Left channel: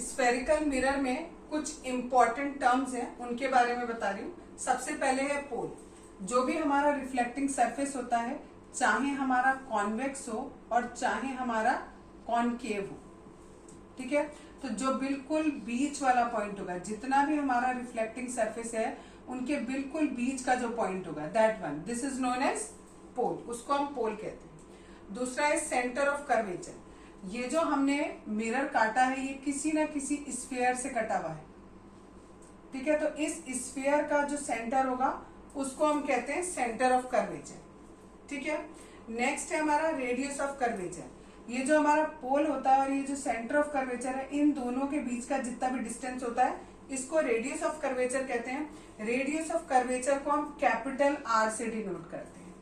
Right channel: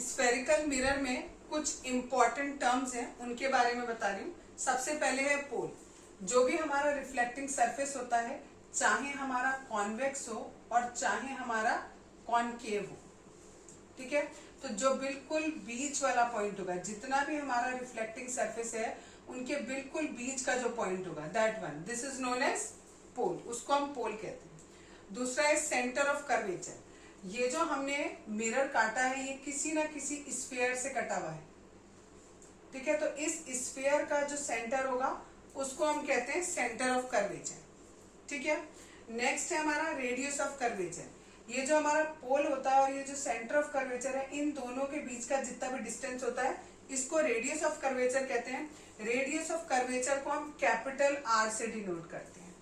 Spherical mirror में कुछ important terms हैं, उनके बारे में बता रही हूँ। सबसे पहले है पोल। जो भी हमारा रिफ्लेक्टिंग सरफेस होता है, चाहे हमारा कॉन्वेक्स हो और चाहे हमारा कॉनकेव हो, ठीक है, तो जो बिल्कुल बीच वाला पॉइंट होगा, जितना भी हमारा रिफ्लेक्टिंग सरफेस है उनके बिल्कुल बीच का जो पॉइंट होगा, that one, this is known as pole, उसको हम पोल कहते हैं। दूसरा है सेंटर ऑफ कर्वेचर। ये जो हमने मिरर काटा है, ये किसी ना किसी स्फीयर से कटा हुआ है, ठीक है, तो इस स्फीयर का जो सेंटर होगा उसको हम कहते हैं सेंटर ऑफ कर्वेचर, ठीक है। नेक्स्ट है हमारा रेडियस ऑफ कर्वेचर। ये जो हमारा पोल होता है और ये जो सेंटर ऑफ कर्वेचर है, इन दोनों के बीच का जितना भी डिस्टेंस होता है, इसको रेडियस ऑफ कर्वेचर कहते हैं। रेडियस ऑफ कर्वेचर को हम कैपिटल आर से डिनोट करते हैं,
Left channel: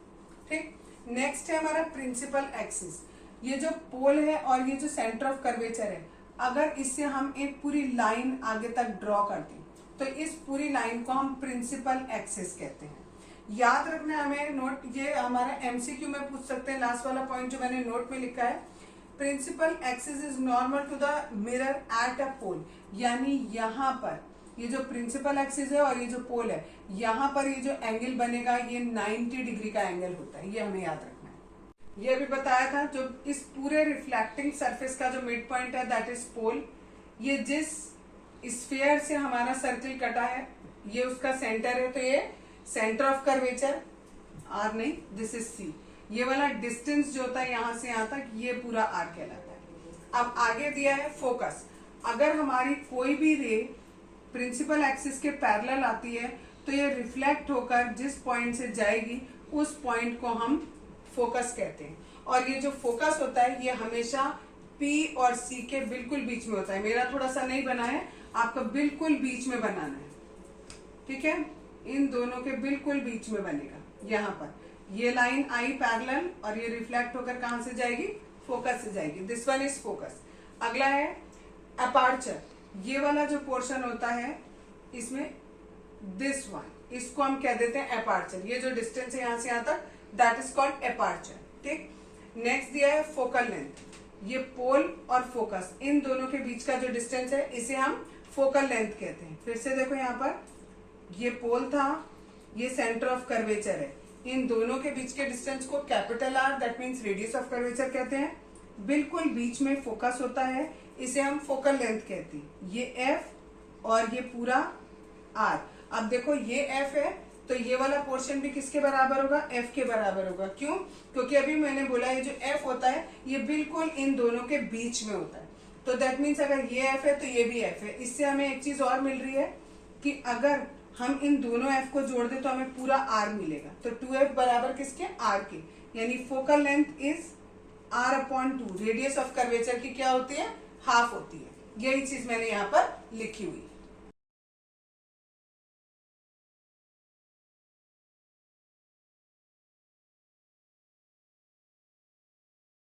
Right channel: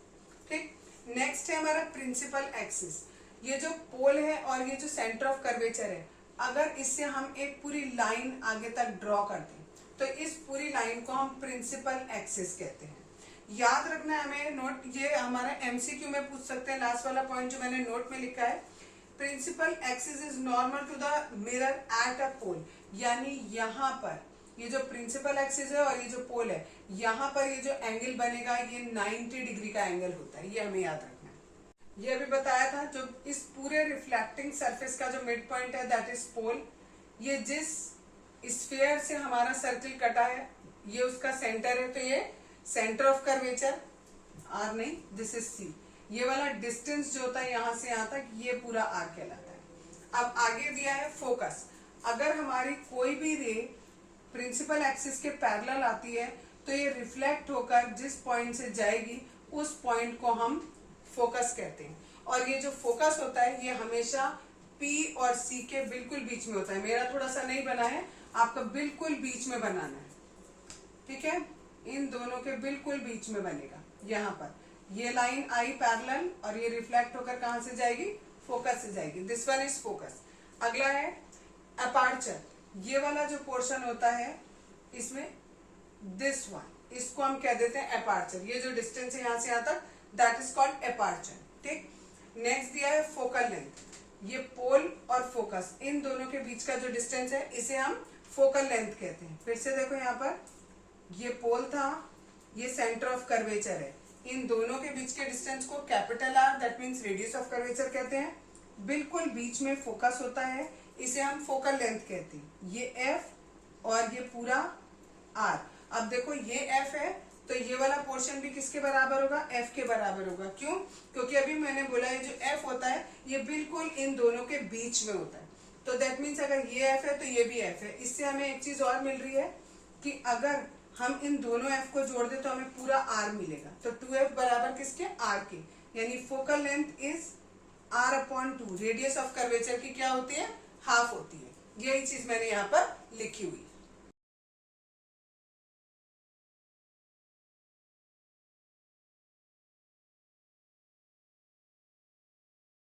ठीक। नेक्स्ट है हमारा प्रिंसिपल एक्सिस। ये जो पोल है और ये जो सेंटर ऑफ कर्वेचर है, अगर इससे हम एक पूरी लाइन आगे तक ड्रॉ करते हैं तो इस पूरी लाइन को हम प्रिंसिपल एक्सिस कहते हैं। याद रखना है हमें नोट, ये हमारा एमसीक्यू में पूछ सकते हैं। लास्ट वाला पॉइंट जो मैंने नोट में लिखा है, principal axis is normal to the mirror at a pole, यानी यहाँ पर ये जो प्रिंसिपल एक्सिस है और ये जो पोल है, यहाँ पर ये जो एंगल बनेगा ये 90 डिग्री का एंगल होता है, ये हमें याद रखना है। ये भी बताया था, जो इस पूरे रिफ्लेक्टिंग सरफेस का जो मिड पॉइंट है दैट इज पोल। ये जिस स्फीयर से हमारा सर्किल कटा है ये उसका सेंटर है, तो ये सेंटर ऑफ कर्वेचर, आर नहीं, दिस इज सी। ये वाला डिस्टेंस जो होता है यहाँ से यहाँ तक, ये पूरा आर कहलाता है। अब आगे दिया है फोकस। अगर हमारी कोई भी रे प्रिंसिपल एक्सिस के पैरेलल आती है तो ये रिफ्लेक्ट होकर जिस पॉइंट से जाएगी उस पॉइंट को हम फोकस कहते हैं। और ये जो फोकस होता है ये हमेशा P और C के बिल्कुल बीच में होता है। मेरा थोड़ा सा नहीं बना है, आपको बिल्कुल बीच में बनाना है, ठीक है, इन दोनों के बिल्कुल बीच में बनेगा। यहाँ पर ये लाइन आई पैरेलल और ये रिफ्लेक्ट होकर कहां से जाएगी, फोकस से जाएगी। This one is focus. अगला है अपर्चर। ये वाला जो पोर्शन होता है इसमें, दिस वन, इसको हम कह देते हैं अपर्चर। ये जो डिस्टेंस है यहाँ से यहाँ तक, दैट इज कॉल्ड अपर्चर, ठीक। नेक्स्ट दिया है फोकल लेंथ। ये पोल और फोकस, इन दोनों के बीच का जो डिस्टेंस है इसे हम फोकल लेंथ कहते हैं। फिर से देखो, यहाँ पर ये पोल था, ये सेंटर ऑफ कर्वेचर है, इन दोनों के बीच के डिस्टेंस को capital R, that means radius of curvature कहते हैं। बिल्कुल बीच में फोकस होता है, इसे हम फोकल लेंथ कहते हैं। ये एफ और ये पूरा आर। अब देखो ये एफ है तो ये वाला पोर्शन भी किसके बराबर होगा, एफ के बराबर होगा। क्यों? क्योंकि अभी मैंने बोला ये जो एफ होता है ये बिल्कुल इन दोनों के बीच में होता है, तो दैट मीन्स अगर ये एफ है तो ये भी एफ है। इससे हमें एक चीज और मिल रही है कि अगर हम इन दोनों एफ को जोड़ दे तो हमें पूरा आर मिलेगा। तो 2f बराबर किसके, आर के, यानी focal length is r/2। Radius of curvature की क्या होती है, हाफ होती है। यही चीज मैंने यहाँ पर लिखी हुई।